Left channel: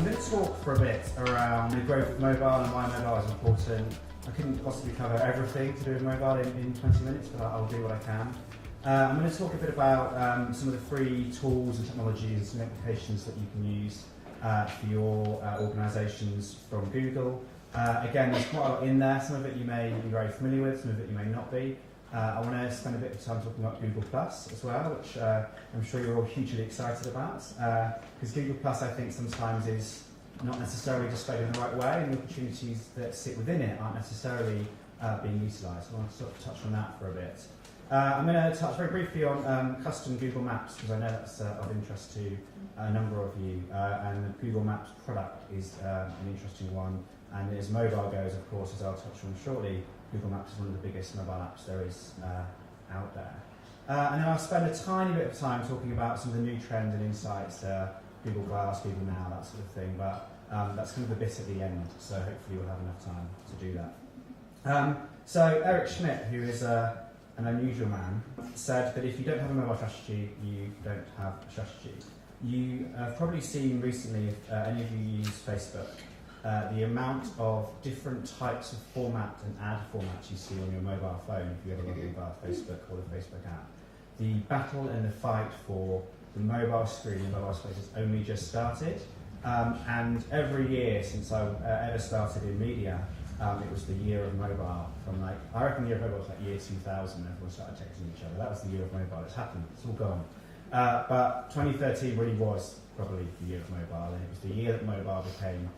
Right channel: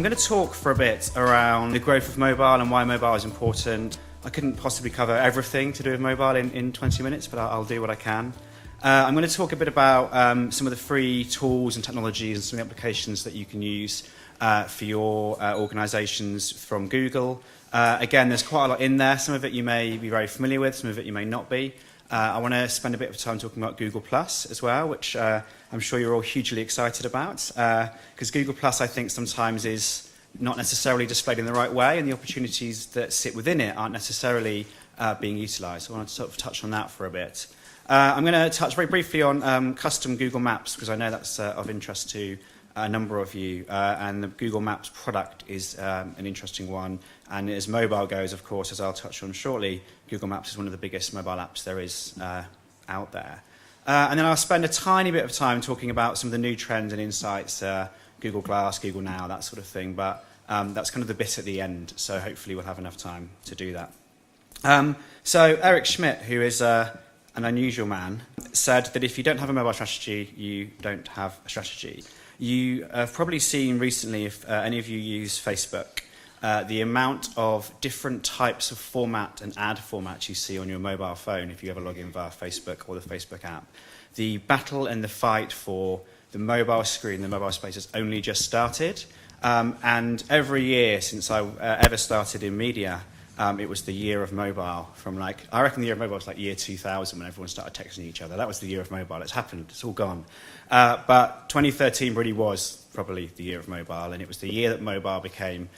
I'm going to talk for a bit around the growth of mobile and why mobile is important. I couldn't possibly cover everything to do with mobile in 20 minutes, but I'll do what I can. I'm going to talk a bit about some of the free tools and technologies and some of the applications that you can use for your organisations from Google. Again, there's quite a lot in there. Some of it you may be very familiar with, some of it you may not be. I want to spend a bit of time talking about Google Plus as well, which I'm sure you're all hugely excited about, because Google Plus I think sometimes is not necessarily displayed in the right way, and the opportunities that sit within it aren't necessarily being utilised. So I want to sort of touch on that for a bit. I'm going to touch very briefly on custom Google Maps, because I know that's of interest to a number of you, and the Google Maps product is an interesting one. And as mobile goes, of course, as I'll touch on shortly, Google Maps is one of the biggest mobile apps there is out there. And then I'll spend a tiny bit of time talking about some of the new trends and insights, Google Glass, Google Now, that sort of thing. But that's kind of the bit at the end, so hopefully we'll have enough time to do that. So Eric Schmidt, who is an unusual man, said that if you don't have a mobile strategy, you don't have a strategy. You have probably seen recently, if any of you use Facebook, the amount of different types of format and ad formats you see on your mobile phone if you ever log in via Facebook or the Facebook app. The battle and the fight for the mobile screen, the mobile space has only just started. And every year since I ever started in media, it was the year of mobile. I reckon the year of mobile was like year 2000 when everyone started texting each other. That was the year of mobile. It's happened. It's all gone. But 2013 really was probably the year of mobile, and it was the year that mobile became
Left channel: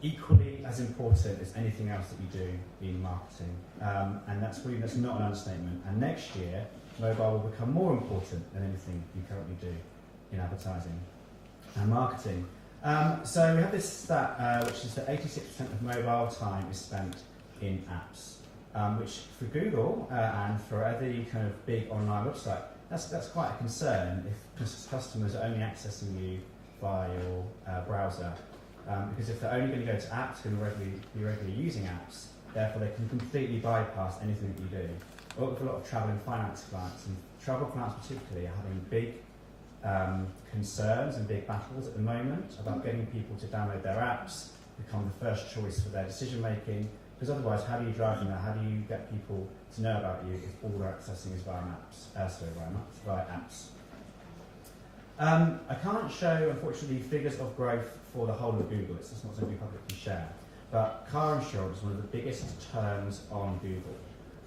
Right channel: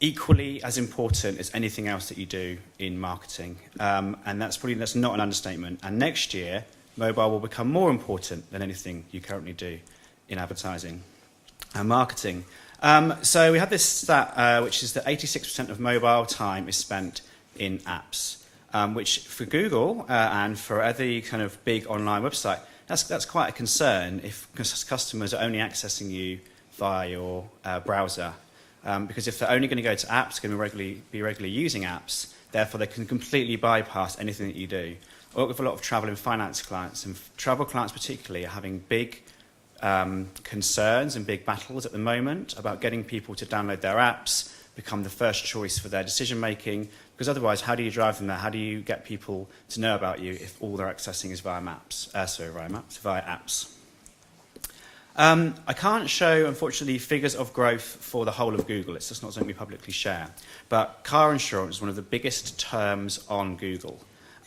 equally as important as anything else that you do in marketing. And that's not an understatement. And next year, mobile will become more important than anything you currently do in advertising and marketing. So we had this stat, which is that 86% of mobile time is spent in apps, which for Google and for other kind of big online website, that's quite a concern if customers are only accessing you via your browser. Because if they're only going to go to apps, going to be regularly using apps, therefore they can completely bypass anything that you do. I work with a lot of travel and finance clients, and travel clients particularly are having big concerns and big battles at the moment about getting people to download their apps, become the first choice for their decision making, because otherwise how do you drive them there? How do you get people to know about you if all they're accessing is via apps? I can't show, unfortunately, figures of growth for the whole of Google. It's just not something we publicly share. But car insurance is one of the biggest terms on Google.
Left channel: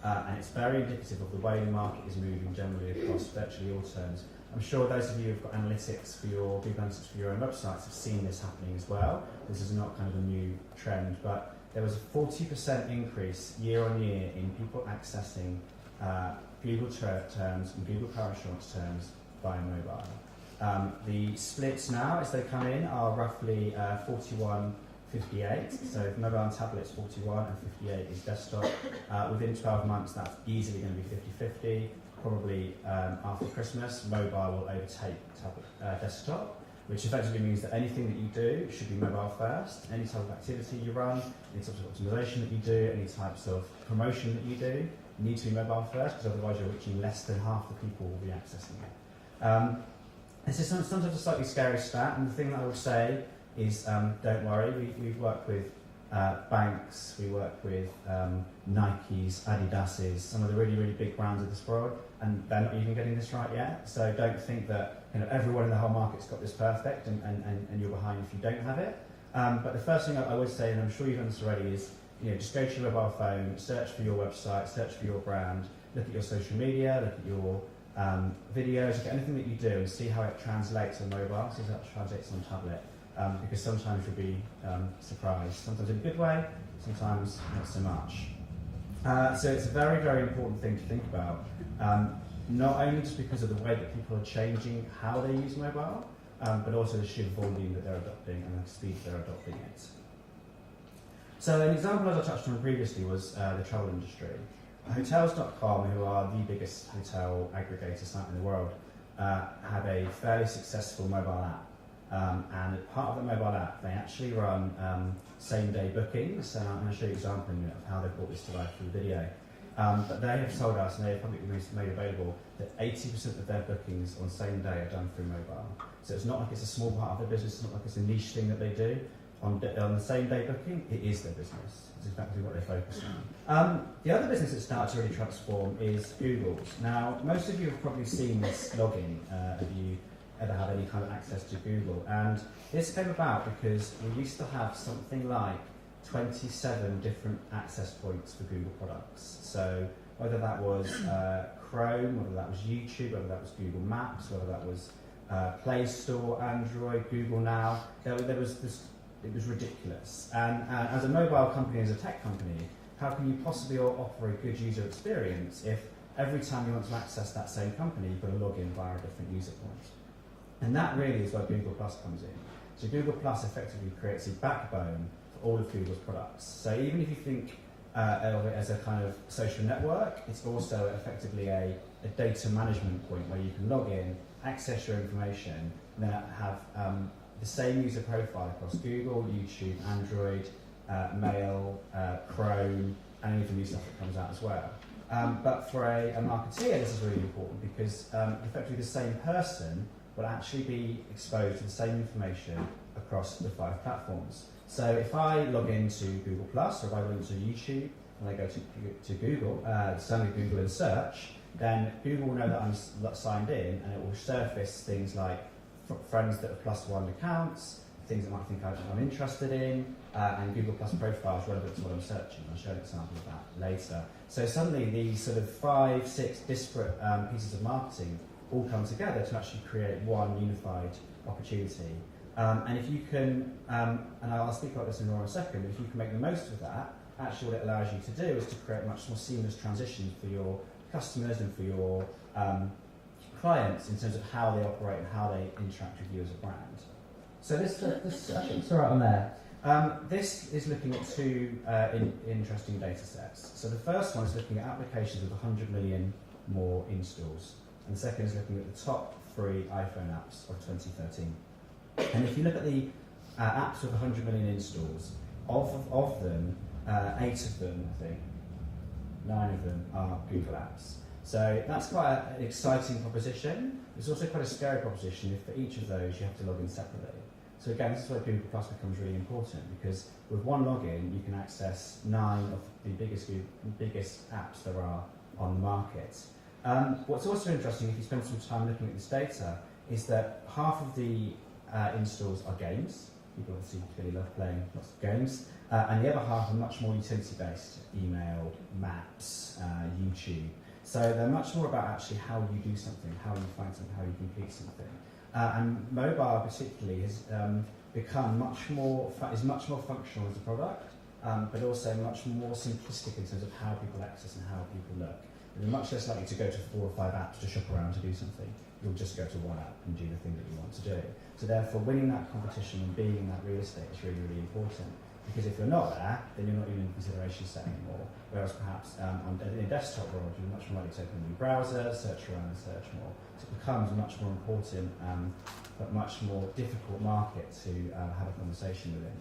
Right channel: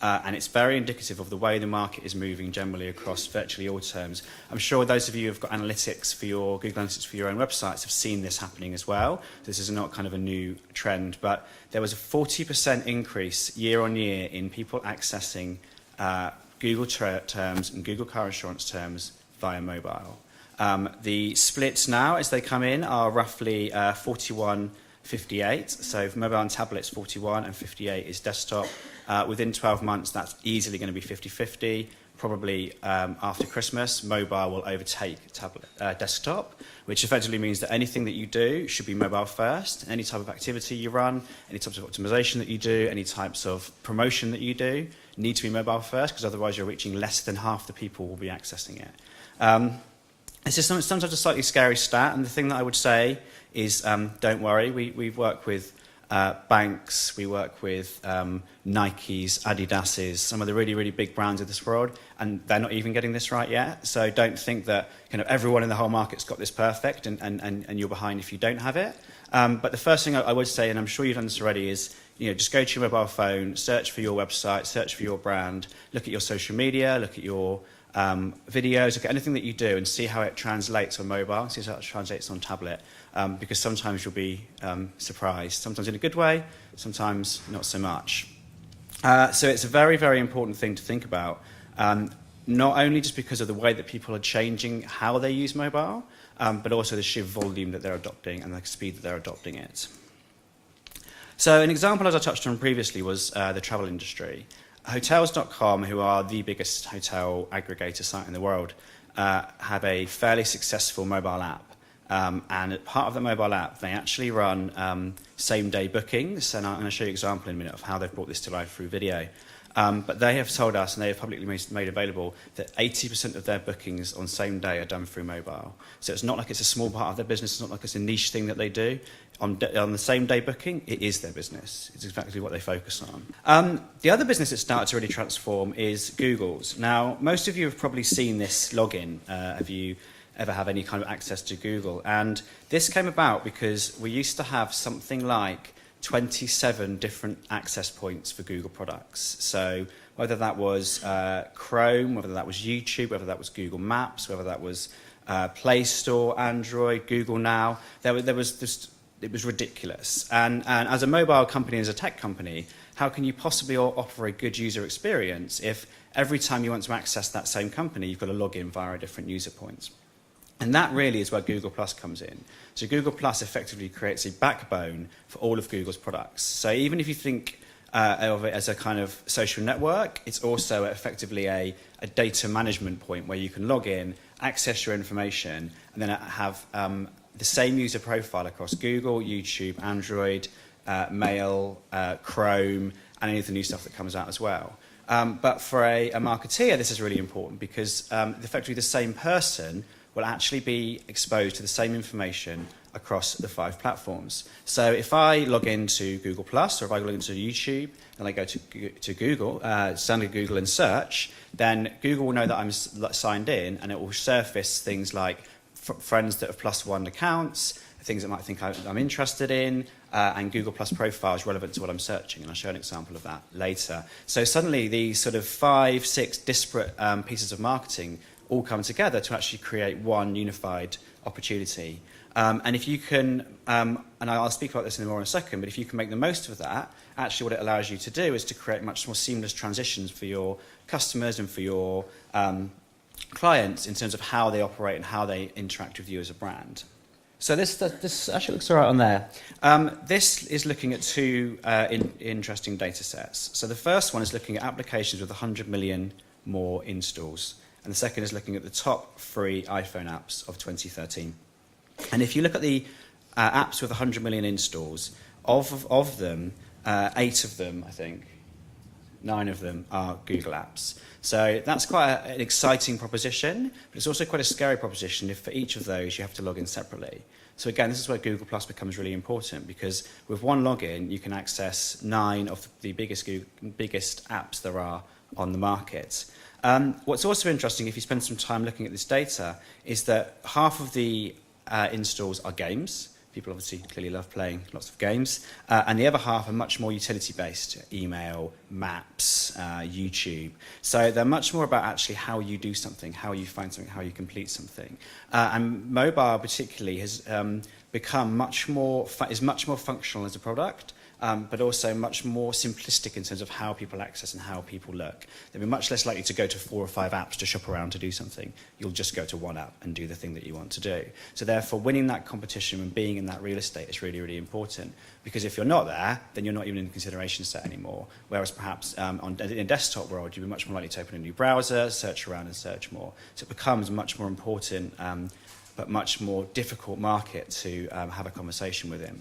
And it's very indicative of the way the market is moving generally across virtually all terms. I'm sure those of you who have got analytics for your Google Analytics for your own websites have seen this happening as well. This is not kind of a new trend, but there was a 40% increase year on year in people accessing Google terms and Google car insurance terms via mobile. The splits now, as they come in, are roughly 41-58. So for mobile and tablets, 41 and 58 is desktop. Within 12 months, that's easily going to be 50-50. Probably after Christmas, mobile will overtake desktop, which effectively means that anything that you do should be mobile first. Any type of activity you run, any types of optimization that you do, any types of promotion that you do need to be mobile first, because otherwise you're reaching less than half the people who will be accessing it. It's just sometimes a slightly scary stat, and the thing that I would say is don't worry. We work with banks, we work with Nikes, Adidas's, some of the really, really big brands of this world, and they're not even getting this right yet. So don't think that kind of everyone in the whole market's got this perfect and you're behind if you don't have it. But the first thing I would say, and I'm sure you've done this already, is just go to your mobile phone, search for your website, search for your brand, look at your social media, look at your videos, look at anything that you do and see how it translates on mobile, see how it translates on tablet, because sometimes you'll be surprised, sometimes in a good way, sometimes not so much. So it's a very, very important thing to think about, not only just because of the way that people are changing how they use mobile, but also the sheer volume that they're adopting and the speed that they're adopting it. So an example, as I touched on previously, was the travel industry. Hotels.com, who are the biggest hotel aggregator site in the world, have a fairly successful mobile app. And as part of the mobile app, they actually run same-day bookings. And I'm going to show you an example in a minute of how they've brought this to life through video. But they have told us, and they have publicly made available, that 80% of their bookings on same day are done through mobile. So it's not like it's a small part of their business, it's not like it's a niche thing that they do. On the same day booking, it is their business. It's exactly what they focus on. The other business that started to really transform is Google's. Now, most of you have probably seen this login. Have you ever have any kind of access to Google? And this came about because we used to have something like 27 different access points for Google products. So whether that was Chrome, whether that was YouTube, whether that was Google Maps, whether that was Play Store, Android, Google Now, it was ridiculous. And as a mobile company, as a tech company, how can you possibly offer a good user experience if every time you want to access that same company, you've got to log in via different user points? And that really is where Google Plus comes in. So Google Plus effectively creates a backbone for all of Google's products. So even if you think of it as a kind of social network, it's also effectively a data management point where you can log in, access your information, and then have the same user profile across Google, YouTube, Android, Mail, Chrome, and any of the new stuff that comes out as well. But for a marketeer, this is really important because effectively the same person will actually be exposed to the same information across the 5 platforms. So if I log into Google Plus, or if I log into YouTube and I go to Google, standard Google and search, then Google will know that I'm signed in, and it will surface things like friends that have +1 accounts, things that might think I'm interested in, and Google Plus profiles relevant to what I'm searching. And I'll show an example of that later. So suddenly these sort of 5, 6 disparate pieces of marketing all come together to actually create one unified opportunity. And if you can, and I'll speak about this in more in a second, but if you can make the most of that, actually what it allows you to do is to create much more seamless transitions for your customers and for your clients in terms of how they operate and how they interact with you as a brand. So this actually looks all right on there. This is looking at 2 interesting data sets. So the first one is looking at applications with 100 million more installs. And the second is looking at the top 3 iPhone apps of 2013. And if you look at the apps with 100 million installs, of them, 8 of them, I think, 9 of them are Google apps. So that's quite an exciting proposition, but it's also quite a scary proposition if for each of those you have to log in separately. So again, this is where Google Plus becomes really important, because with one login you can access 9 of the biggest apps there are on the market. What's also interesting, if you spend some time looking at this data, is that half of the installs are games. People obviously clearly love playing lots of games. And the other half are much more utility-based: email, maps, YouTube. So they're much more about actually how you do something, how you find something, how you complete something. And mobile particularly has become much more functional as a product, but also much more simplistic in terms of how people access and how people look. They'll be much less likely to go to 4 or 5 apps to shop around to do something. You'll just go to one app and do the thing that you want to do. So therefore, winning that competition and being in that real estate is really, really important. Because if you're not there, then you're not even in the consideration set anymore. Whereas perhaps in a desktop world, you'd be much more likely to open a new browser, search around and search more. So it becomes much more important, but much more difficult market to have a conversation within.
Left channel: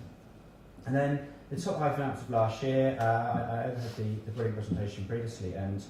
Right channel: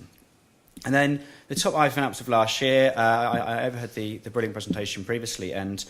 And then the top iPhone apps of last year, I overheard the brilliant presentation previously, and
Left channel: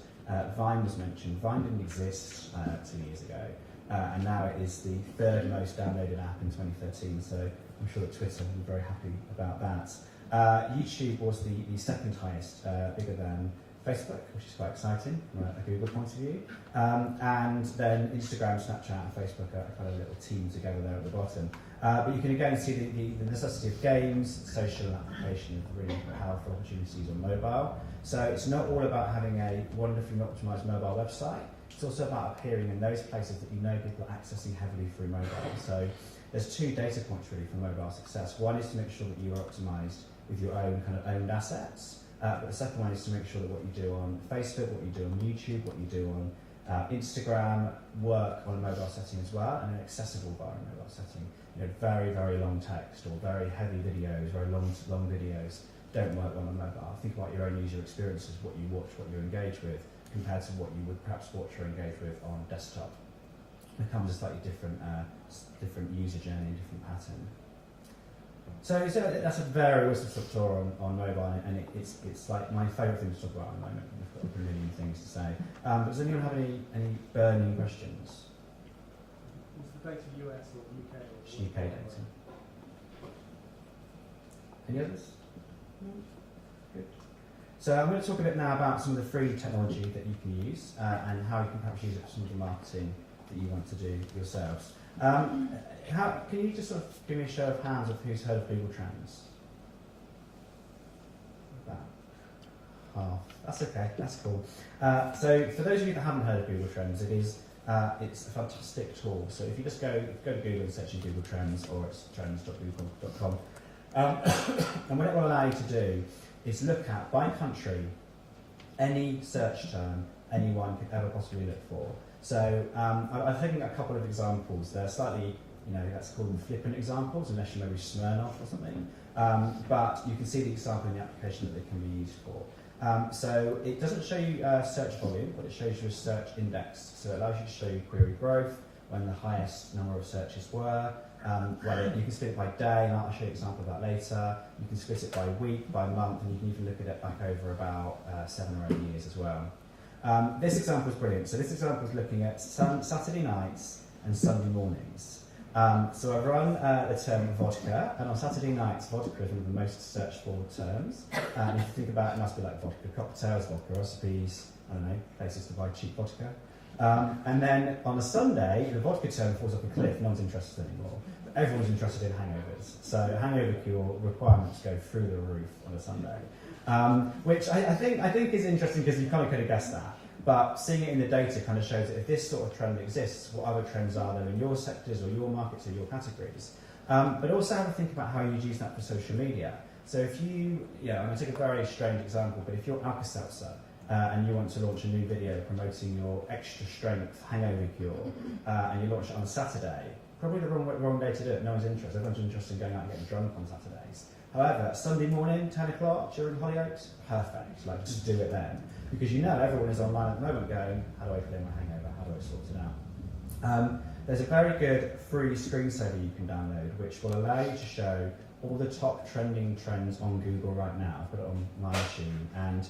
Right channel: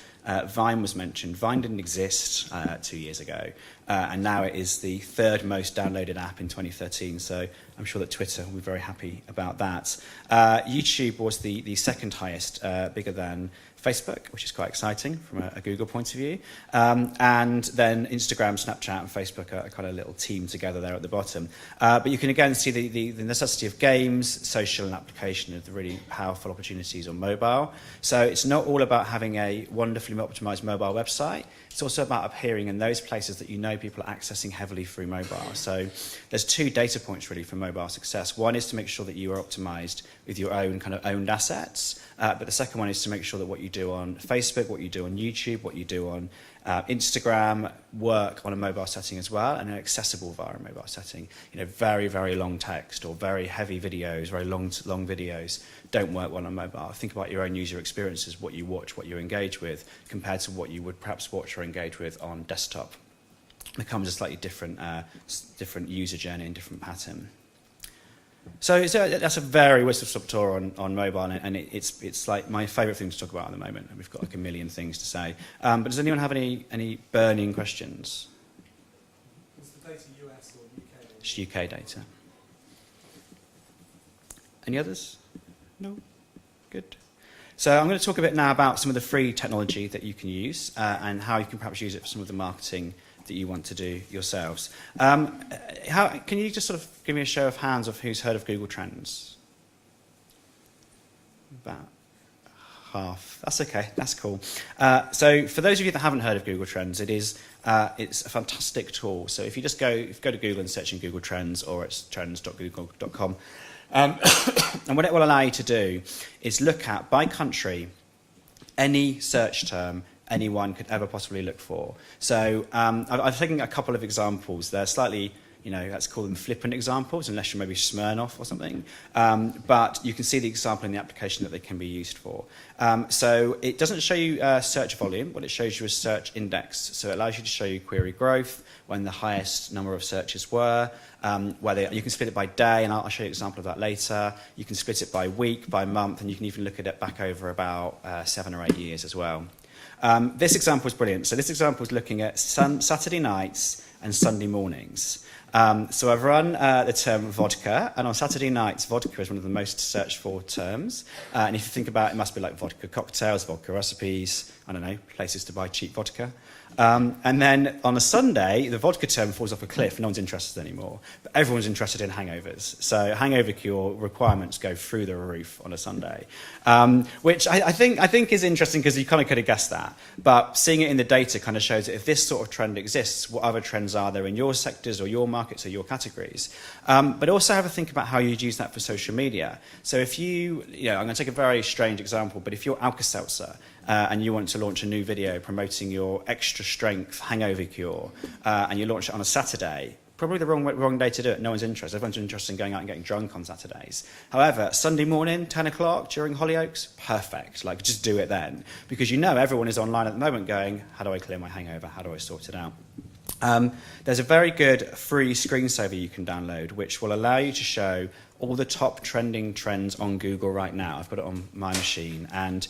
Vine was mentioned. Vine didn't exist 2 years ago, and now it is the 3rd most downloaded app in 2013, so I'm sure that Twitter will be very happy about that. YouTube was the 2nd highest, bigger than Facebook, which is quite exciting from a Google point of view. And then Instagram, Snapchat and Facebook are kind of a little team together there at the bottom. But you can again see the necessity of games, social and application of the really powerful opportunities on mobile. So it's not all about having a wonderfully optimized mobile website. It's also about appearing in those places that you know people are accessing heavily through mobile. So there's 2 data points really for mobile success. One is to make sure that you are optimized with your own kind of owned assets. But the second one is to make sure that what you do on Facebook, what you do on YouTube, what you do on Instagram work on a mobile setting as well, and are accessible via a mobile setting. Very, very long text or very heavy videos, very long videos don't work well on mobile. Think about your own user experiences, what you watch, what you engage with, compared to what you would perhaps watch or engage with on desktop. It becomes a slightly different user journey and different pattern. So that's a very whistle-stop tour on mobile, and it's like my favourite thing to talk about at the moment. We've got like a million things to say. But does anyone have any burning questions? Was the data US or UK? It's UK data. Any others? No? Good. So I'm going to talk a bit now about some of the free technology that you can use and how you can perhaps use it for some of the marketing that you want to do yourselves. Can you just sort of give me a show of hands of who's heard of Google Trends? About half. That's okay. That's cool. So for those of you that haven't heard of Google Trends, it's a fantastic tool. So if you just go to Google and search in Google Trends, or it's trends.google.com, and what it will allow you to do is look at, by country, any search term anyone could ever possibly look for. So I've taken a couple of examples. They're slightly, let's call them flippant examples, unless you're maybe Smirnoff or something. But you can see the example in the application that they can be used for. So it doesn't show you search volume. What it shows you is search index. So it allows you to show you query growth, when the highest number of searches were, whether you can split it by day, and I'll show you an example of that later. You can split it by week, by month, and you can even look at it back over about 7 or 8 years as well. This example is brilliant. So this example is looking at Saturday nights and Sunday mornings. So I've run the term vodka, and on Saturday nights, vodka is one of the most searched for terms. And if you think about it, it must be like vodka cocktails, vodka recipes, I don't know, places to buy cheap vodka. And then on a Sunday, the vodka term falls off a cliff. No one's interested anymore. But everyone's interested in hangovers. So hangover cure requirements go through the roof on a Sunday, which I think is interesting, because you kind of could have guessed that. But seeing it in the data kind of shows that if this sort of trend exists, what other trends are there in your sectors or your markets or your categories? But also have a think about how you'd use that for social media. So if I'm going to take a very strange example, but if you're Alka-Seltzer, and you want to launch a new video promoting your extra strength hangover cure, and you launch it on a Saturday, probably the wrong day to do it. No one's interested. Everyone's interested in going out and getting drunk on Saturdays. However, Sunday morning, 10 o'clock during Hollyoaks, perfect. Like, just do it then, because everyone is online at the moment going, how do I clear my hangover? How do I sort it out? There's a very good free screensaver you can download, which will allow you to show all the top trending trends on Google right now. I've got it on my machine, and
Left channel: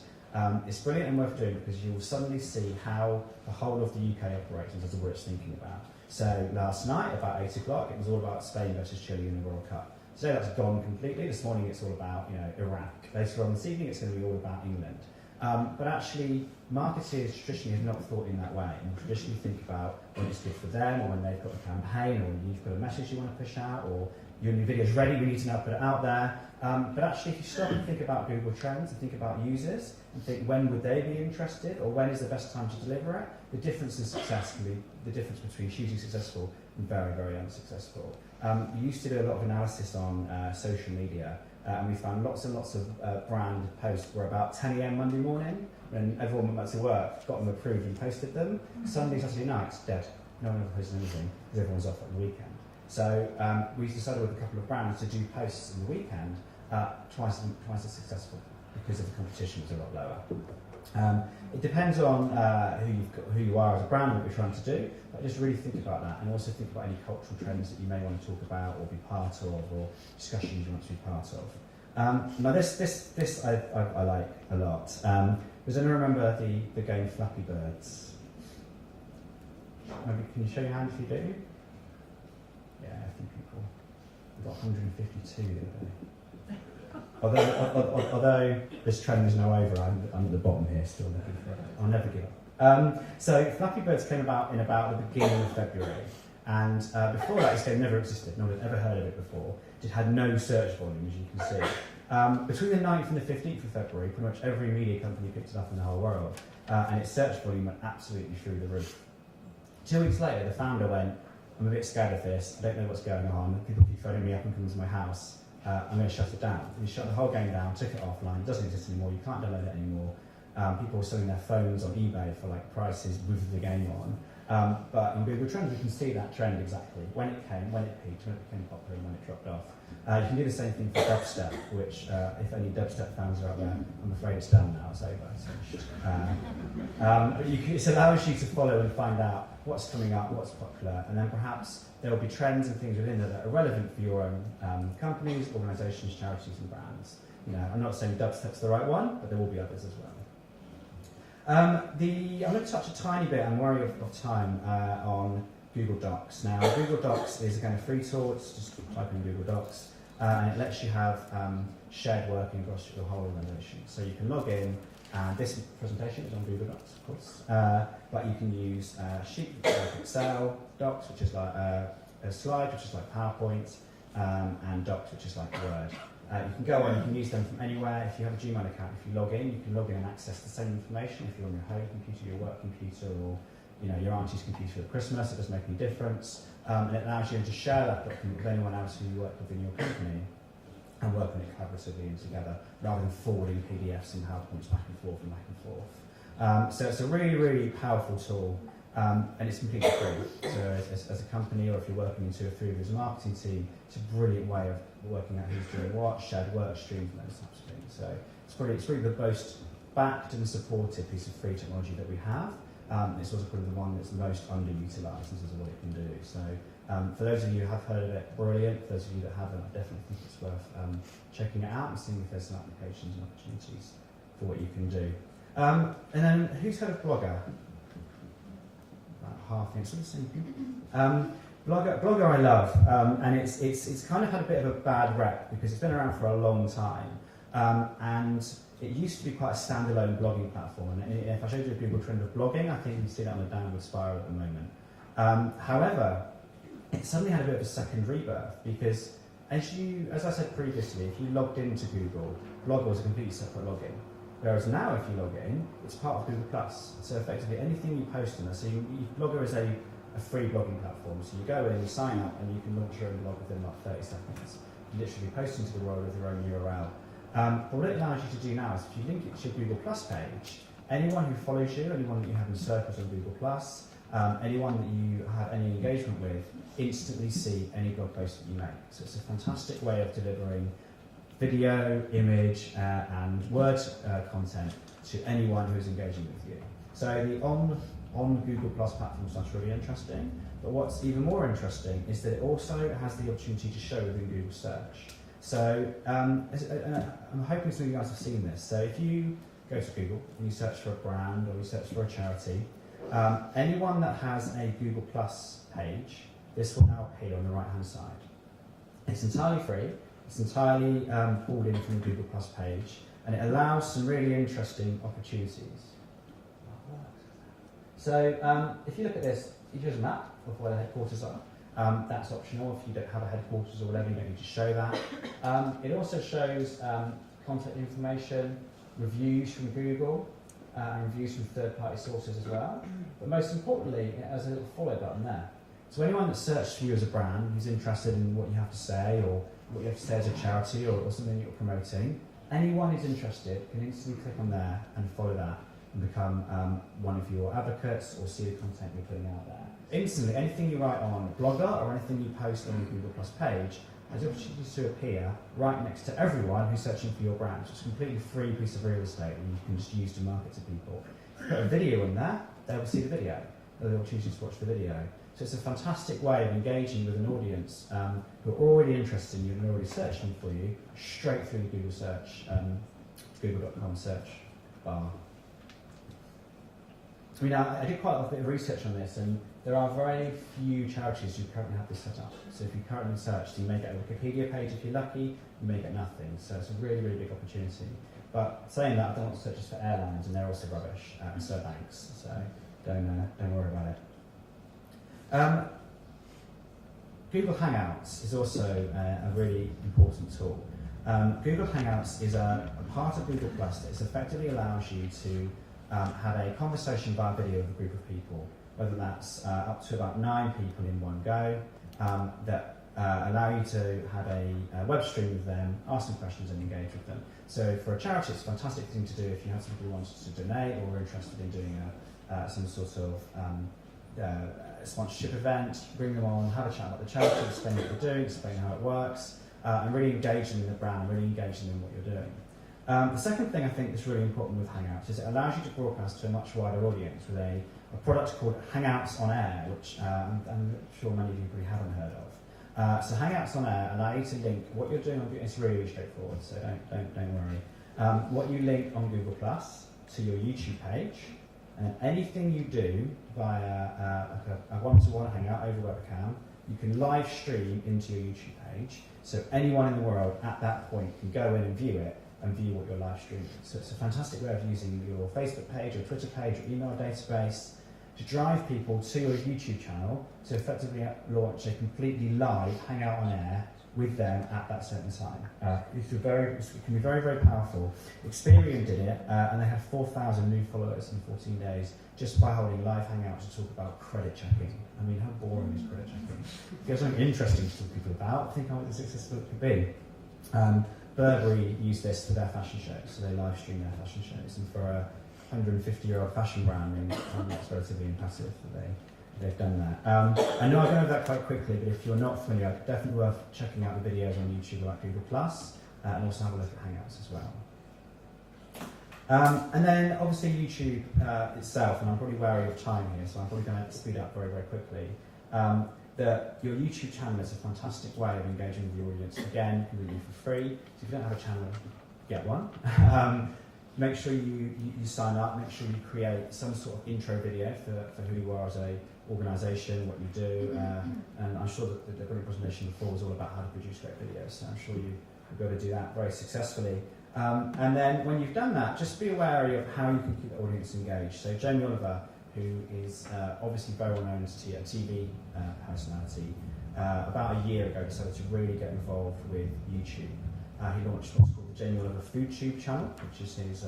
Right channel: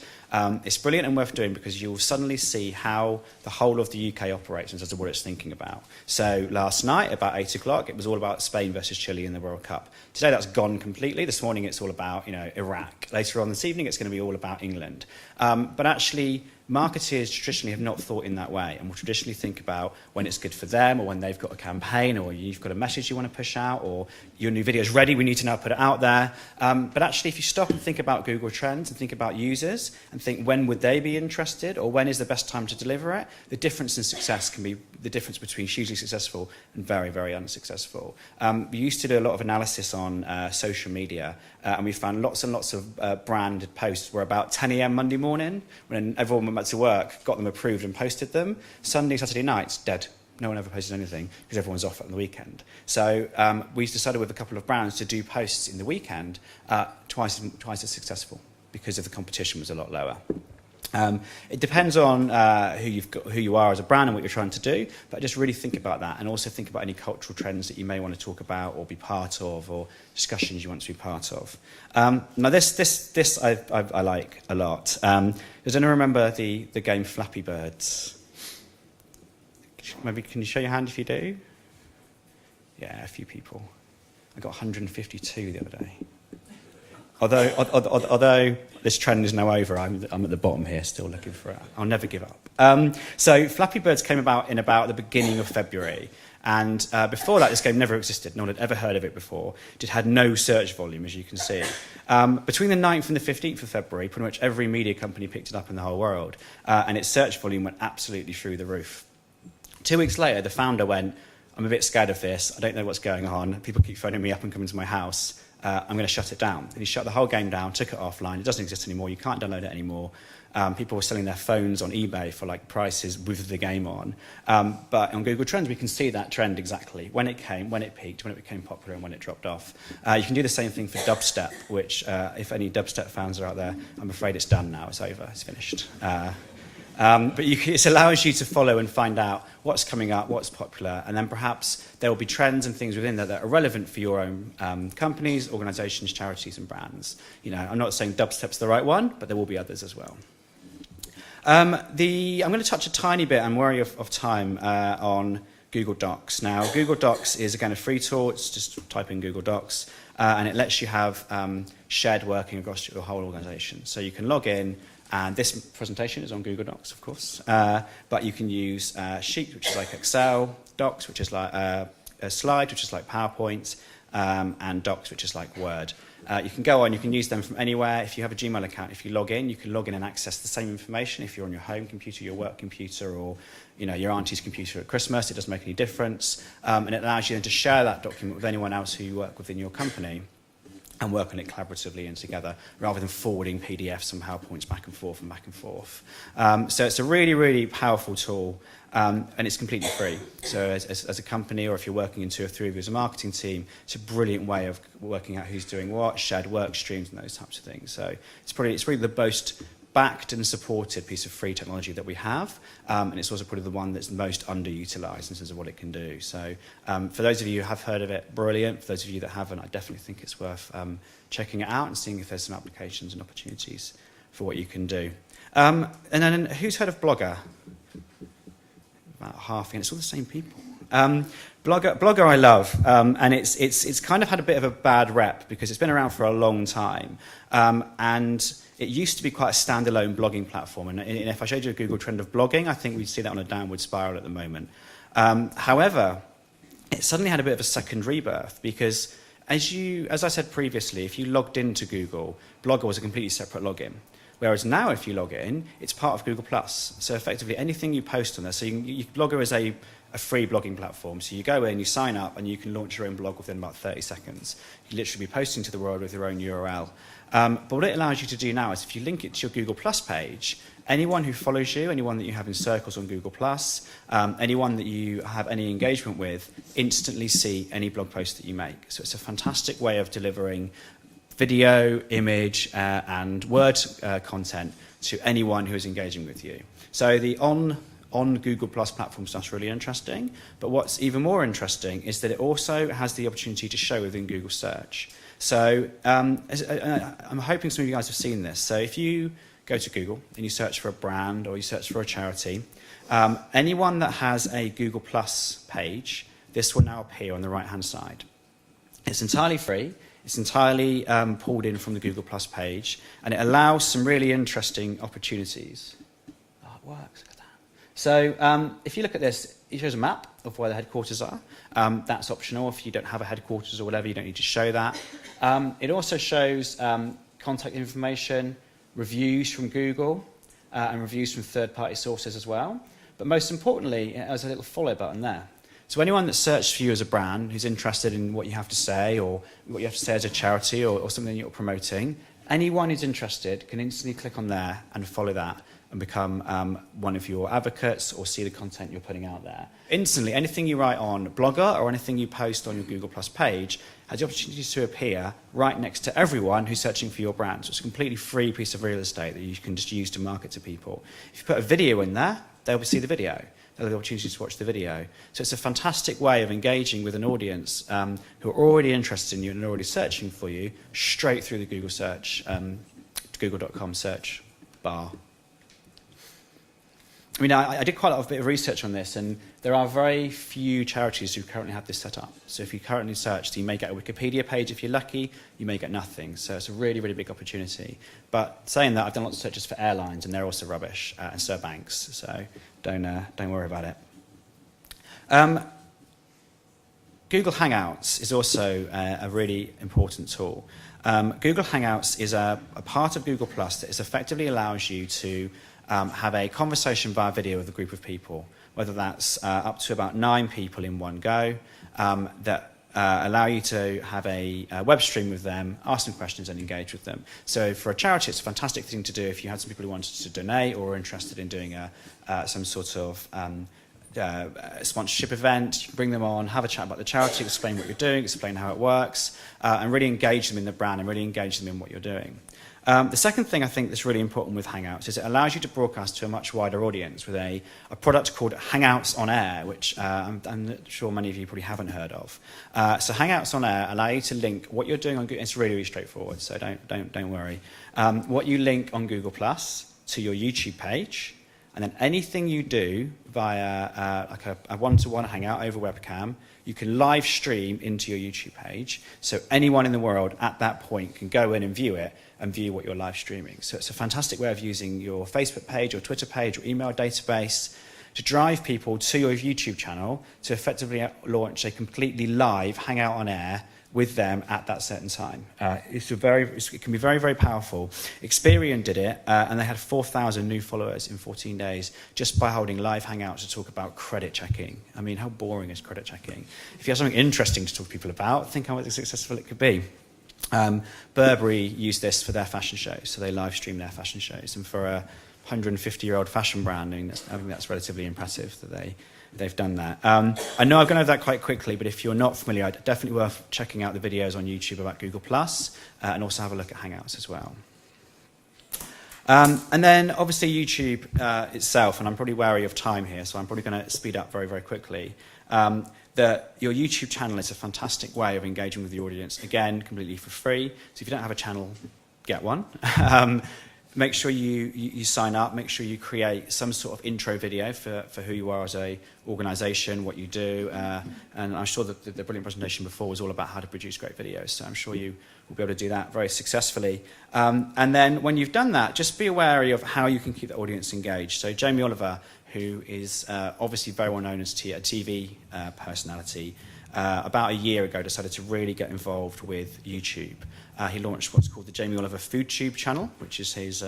it's brilliant and worth doing, because you'll suddenly see how the whole of the UK operates in terms of what it's thinking about. So last night, about 8 o'clock, it was all about Spain versus Chile in the World Cup. Today that's gone completely. This morning it's all about Iraq. Later on this evening it's going to be all about England. But actually, marketers traditionally have not thought in that way, and will traditionally think about when it's good for them, or when they've got a campaign, or you've got a message you want to push out, or your new video is ready, we need to now put it out there. But actually, if you stop and think about Google Trends and think about users and think when would they be interested, or when is the best time to deliver it, the difference in success can be the difference between hugely successful and very, very unsuccessful. We used to do a lot of analysis on social media, and we found lots and lots of branded posts were about 10 a.m. Monday morning, when everyone went back to work, got them approved and posted them. Sunday, Saturday nights, dead. No one ever posted anything, because everyone's off on the weekend. So we decided with a couple of brands to do posts in the weekend twice as successful, because of the competition was a lot lower. It depends on who you are as a brand and what you're trying to do, but just really think about that, and also think about any cultural trends that you may want to talk about or be part of, or discussions you want to be part of. Now this I like a lot. Does anyone remember the game Flappy Birds? Maybe can you show your hand if you do? Yeah, a few people. I got 152 the other day. Although this trend is now over, I'm at the bottom here still looking for it. I'll never give up. So Flappy Birds came about in about the beginning of February. And before that, this game never existed. No one had ever heard of it before. It had no search volume, as you can see. Between the 9th and the 15th of February, pretty much every media company picked it up in the whole world. And its search volume went absolutely through the roof. 2 weeks later, the founder went, I'm a bit scared of this. I don't know what's going on. People keep phoning me up and coming to my house. I'm going to shut it down. And he shut the whole game down, took it offline. It doesn't exist anymore. You can't download it anymore. People were selling their phones on eBay for like prices with the game on. But on Google Trends, we can see that trend exactly. When it came, when it peaked, when it became popular, and when it dropped off. You can do the same thing for dubstep, which if any dubstep fans are out there, I'm afraid it's done now. It's over. It's finished. But it allows you to follow and find out what's coming up, what's popular, and then perhaps there will be trends and things within there that are relevant for your own companies, organisations, charities and brands. I'm not saying dubstep's the right one, but there will be others as well. I'm going to touch a tiny bit, I'm wary of time, on Google Docs. Now, Google Docs is again a free tool. It's just type in Google Docs, and it lets you have shared working across your whole organisation. So you can log in, and this presentation is on Google Docs, of course, but you can use Sheet, which is like Excel, Docs, which is like a Slide, which is like PowerPoint, and Docs, which is like Word. You can go on, you can use them from anywhere. If you have a Gmail account, if you log in, you can log in and access the same information. If you're on your home computer, your work computer, or your auntie's computer at Christmas, it doesn't make any difference. And it allows you then to share that document with anyone else who you work within your company and work on it collaboratively and together, rather than forwarding PDFs and PowerPoints back and forth and back and forth. So it's a really, really powerful tool, and it's completely free. So as a company, or if you're working in 2 or 3 of you as a marketing team, it's a brilliant way of working out who's doing what, shared work streams and those types of things. So it's probably the most backed and supported piece of free technology that we have, and it's also probably the one that's most underutilised in terms of what it can do. So for those of you who have heard of it, brilliant. For those of you that haven't, I definitely think it's worth checking it out and seeing if there's some applications and opportunities for what you can do. And then who's heard of Blogger? About half, and it's all the same people. Blogger I love, and it's kind of had a bit of a bad rep because it's been around for a long time, and it used to be quite a standalone blogging platform, and if I showed you a Google trend of blogging, I think we'd see that on a downward spiral at the moment. However, it suddenly had a bit of a second rebirth because, as I said previously, if you logged into Google, Blogger was a completely separate login. Whereas now, if you log in, it's part of Google+. So effectively, anything you post on there, so Blogger is a free blogging platform. So you go in, you sign up, and you can launch your own blog within about 30 seconds. You literally be posting to the world with your own URL. But what it allows you to do now is if you link it to your Google Plus page, anyone who follows you, anyone that you have in circles on Google Plus, anyone that you have any engagement with, instantly see any blog post that you make. So it's a fantastic way of delivering video, image, and word content to anyone who is engaging with you. So the on Google Plus platform stuff's really interesting, but what's even more interesting is that it also has the opportunity to show within Google Search. So I'm hoping some of you guys have seen this. So if you go to Google and you search for a brand or you search for a charity, anyone that has a Google Plus page, this will now appear on the right-hand side. It's entirely free. It's entirely pulled in from the Google Plus page, and it allows some really interesting opportunities. Oh, it works. Look at that. So if you look at this, it shows a map of where the headquarters are. That's optional. If you don't have a headquarters or whatever, you don't need to show that. It also shows contact information, reviews from Google, and reviews from third-party sources as well. But most importantly, it has a little follow button there. So anyone that searches for you as a brand, who's interested in what you have to say or what you have to say as a charity or something you're promoting, anyone who's interested can instantly click on there and follow that and become one of your advocates or see the content you're putting out there. Instantly, anything you write on Blogger or anything you post on your Google Plus page has the opportunity to appear right next to everyone who's searching for your brand. So it's a completely free piece of real estate that you can just use to market to people. If you put a video in there, they'll see the video. They'll have the opportunity to watch the video. So it's a fantastic way of engaging with an audience who are already interested in you and are already searching for you straight through the Google search, google.com search bar. I mean, I did quite a bit of research on this, and there are very few charities who currently have this set up. So if you currently search, you may get a Wikipedia page if you're lucky, you may get nothing. So it's a really, really big opportunity. But saying that, I've done lots of searches for airlines, and they're also rubbish, and so are banks. So don't worry about it. Google Hangouts is also a really important tool. Google Hangouts is a part of Google Plus that effectively allows you to have a conversation via video with a group of people, whether that's up to about 9 people in one go, that allow you to have a web stream with them, ask them questions and engage with them. So for a charity, it's a fantastic thing to do if you had some people who wanted to donate or are interested in doing some sort of sponsorship event. You can bring them on, have a chat about the charity, explain what you're doing, explain how it works, and really engage them in the brand and really engage them in what you're doing. The second thing I think that's really important with Hangouts is it allows you to broadcast to a much wider audience with a product called Hangouts on Air, which I'm sure many of you probably haven't heard of. So Hangouts on Air allow you to link what you're doing on Google. It's really, really straightforward, so don't worry. What you link on Google Plus to your YouTube page, and then anything you do via like a one-to-one Hangout over webcam, you can live stream into your YouTube page. So anyone in the world at that point can go in and view it and view what you're live streaming. So it's a fantastic way of using your Facebook page or Twitter page or email database to drive people to your YouTube channel to effectively launch a completely live Hangout on Air with them at that certain time. It can be very, very powerful. Experian did it, and they had 4,000 new followers in 14 days just by holding live Hangouts to talk about credit checking. I mean, how boring is credit checking? If you have something interesting to talk to people about, think how successful it could be. Burberry used this for their fashion shows, so they live stream their fashion shows. And for a 150-year-old fashion branding, I think that's relatively impressive that they've done that. I know I've gone over that quite quickly, but if you're not familiar, definitely worth checking out the videos on YouTube about Google+, and also have a look at Hangouts as well. And then obviously YouTube itself, and I'm probably wary of time here, so I'm probably going to speed up very, very quickly. That your YouTube channel is a fantastic way of engaging with the audience, again, completely for free. So if you don't have a channel, get one. Make sure you sign up, make sure you create some sort of intro video for who you are as a organisation, what you do, and I'm sure that the brilliant presentation before was all about how to produce great videos, so I'm sure you will be able to do that very successfully. And then when you've done that, just be wary of how you can keep the audience engaged. So Jamie Oliver, who is obviously very well known as a TV personality, about a year ago decided to really get involved with YouTube. He launched what's called the Jamie Oliver FoodTube channel, which is his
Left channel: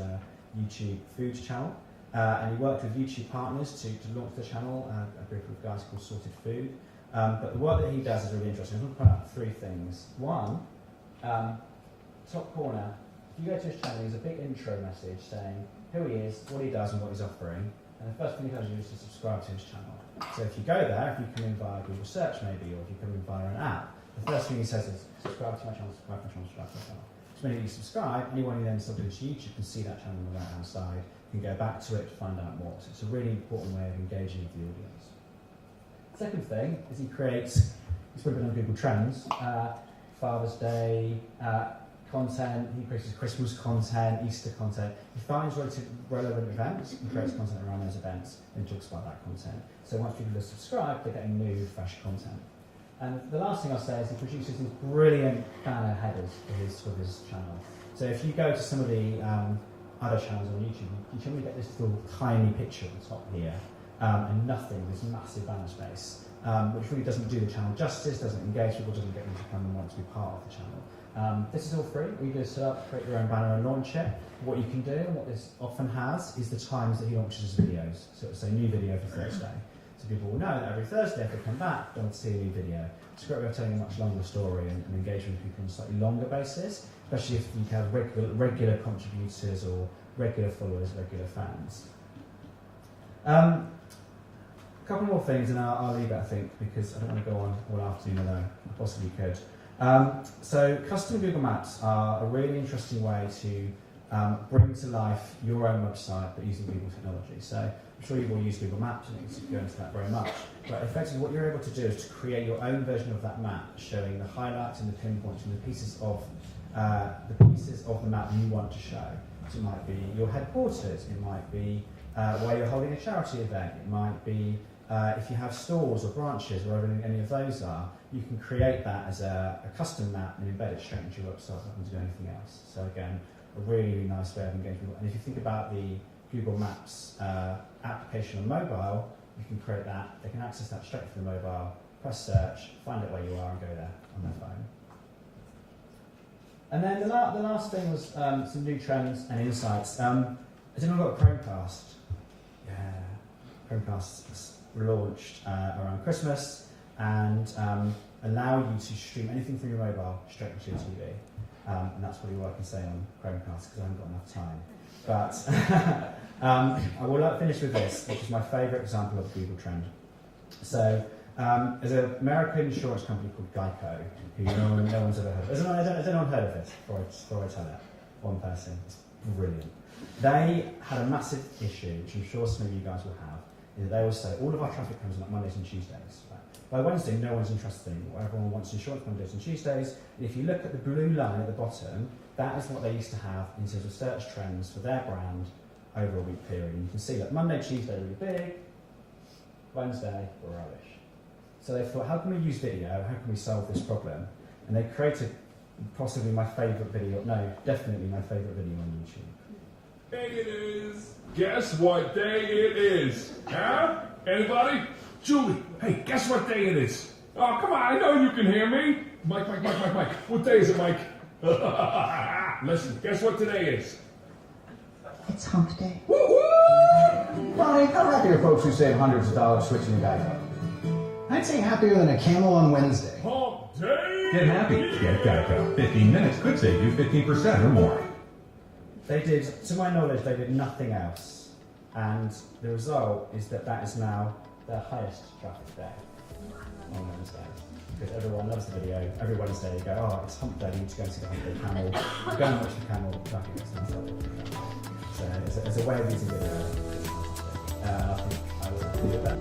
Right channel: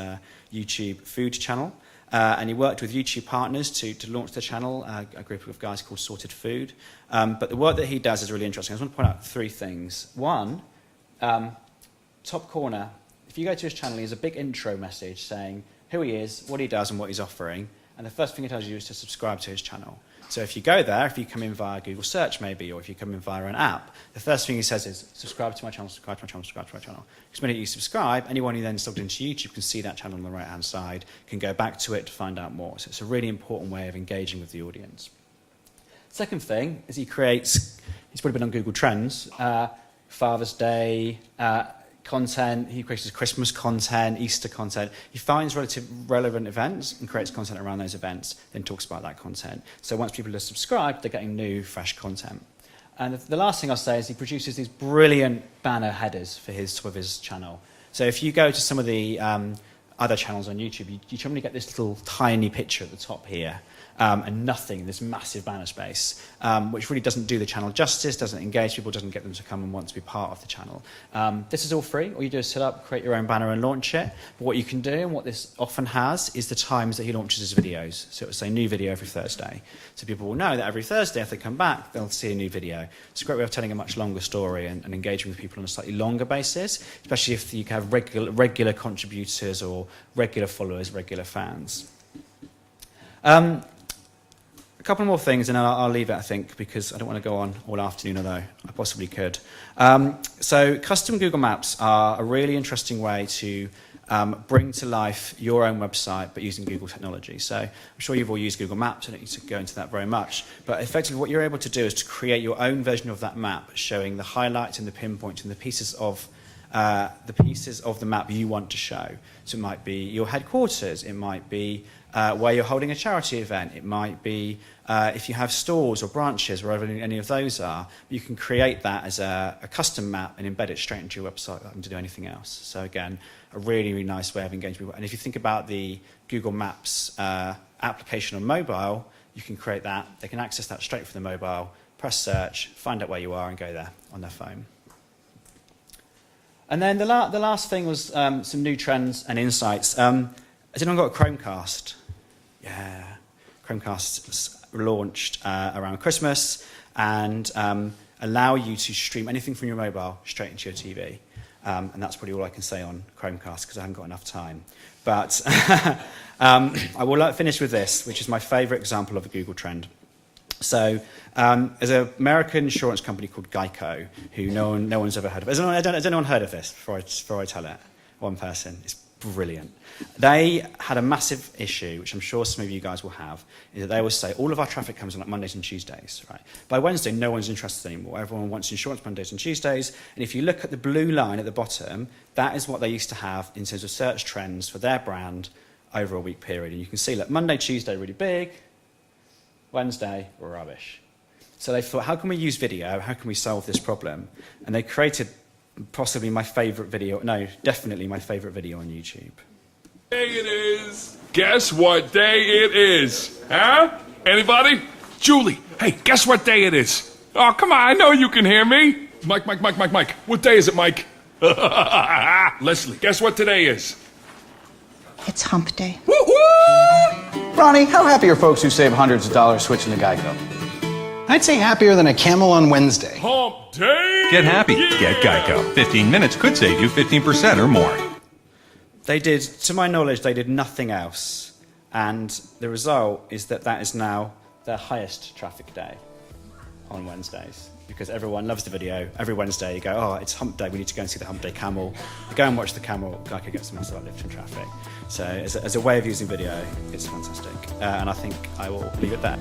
YouTube food channel. And he worked with YouTube partners to launch the channel, a group of guys called Sorted Food. But the work that he does is really interesting. I just want to point out three things. One, top corner, if you go to his channel, he has a big intro message saying who he is, what he does, and what he's offering. And the first thing he tells you is to subscribe to his channel. So if you go there, if you come in via Google search maybe, or if you come in via an app, the first thing he says is subscribe to my channel, subscribe to my channel, subscribe to my channel. Because the minute you subscribe, anyone who then logged into YouTube can see that channel on the right-hand side, can go back to it to find out more. So it's a really important way of engaging with the audience. Second thing is he's probably been on Google Trends, Father's Day, content, he creates Christmas content, Easter content. He finds relevant events and creates content around those events, then talks about that content. So once people are subscribed, they're getting new, fresh content. And the last thing I'll say is he produces these brilliant banner headers for his channel. So if you go to some of the other channels on YouTube, you generally get this little tiny picture at the top here, and nothing, this massive banner space, which really doesn't do the channel justice, doesn't engage people, doesn't get them to come and want to be part of the channel. This is all free. All you do is set up, create your own banner and launch it. But what you can do, and what this often has, is the times that he launches his videos. So it will say new video every Thursday. So people will know that every Thursday, if they come back, they'll see a new video. It's a great way of telling a much longer story and engaging with people on a slightly longer basis, especially if you have regular contributors or regular followers, regular fans. A couple more things, and I'll leave it, I think, because I don't want to go on all afternoon, although I possibly could. So custom Google Maps are a really interesting way to bring to life your own website, but using Google technology. So I'm sure you've all used Google Maps. I don't need to go into that very much. But effectively, what you're able to do is to create your own version of that map, showing the highlights and the pinpoints and the pieces of the map you want to show. So it might be your headquarters. It might be where you're holding a charity event. It might be if you have stores or branches, wherever any of those are, you can create that as a custom map and embed it straight into your website without having to do anything else. So again, a really, really nice way of engaging people. And if you think about the Google Maps application on mobile, you can create that. They can access that straight from the mobile, press search, find out where you are and go there on their phone. And then the last thing was some new trends and insights. Has anyone got a Chromecast? Yeah, Chromecasts launched around Christmas and allow you to stream anything from your mobile straight into your TV. And that's probably all I can say on Chromecast because I haven't got enough time. But I will finish with this, which is my favourite example of a Google trend. So there's an American insurance company called Geico, who no one's ever heard of. Has anyone heard of this before I tell it? one person. It's brilliant. They had a massive issue, which I'm sure some of you guys will have, is that they always say all of our traffic comes on like Mondays and Tuesdays, right? By Wednesday, no one's interested anymore. Everyone wants insurance Mondays and Tuesdays. And if you look at the blue line at the bottom, that is what they used to have in terms of search trends for their brand over a week period. And you can see, look, Monday, Tuesday, really big. Wednesday, we're rubbish. So they thought, how can we use video? How can we solve this problem? And they created possibly my favourite video, no, definitely my favourite video on YouTube. Day it is. Guess what day it is? Huh? Anybody? Julie, hey, guess what day it is? Oh, come on, I know you can hear me. Mike. What day is it, Mike? Leslie, guess what today is? It's hump day. Woo-hoo! Ronnie, how happy are folks who save hundreds of dollars switching to Geico? I'd say happier than a camel on Wednesday. Hump day! Get happy. Yeah. Get Geico. 15 minutes could save you 15% or more. They did, to my knowledge, they did nothing else. And the result is that that is now their highest traffic day on Wednesdays. Because everyone loves the video. Every Wednesday you go, oh, it's hump day, we need to go and see the hump day camel. Go and watch the camel, Geico gets them and start lifting traffic. So as a way of using video, it's fantastic. And I think I will leave it there.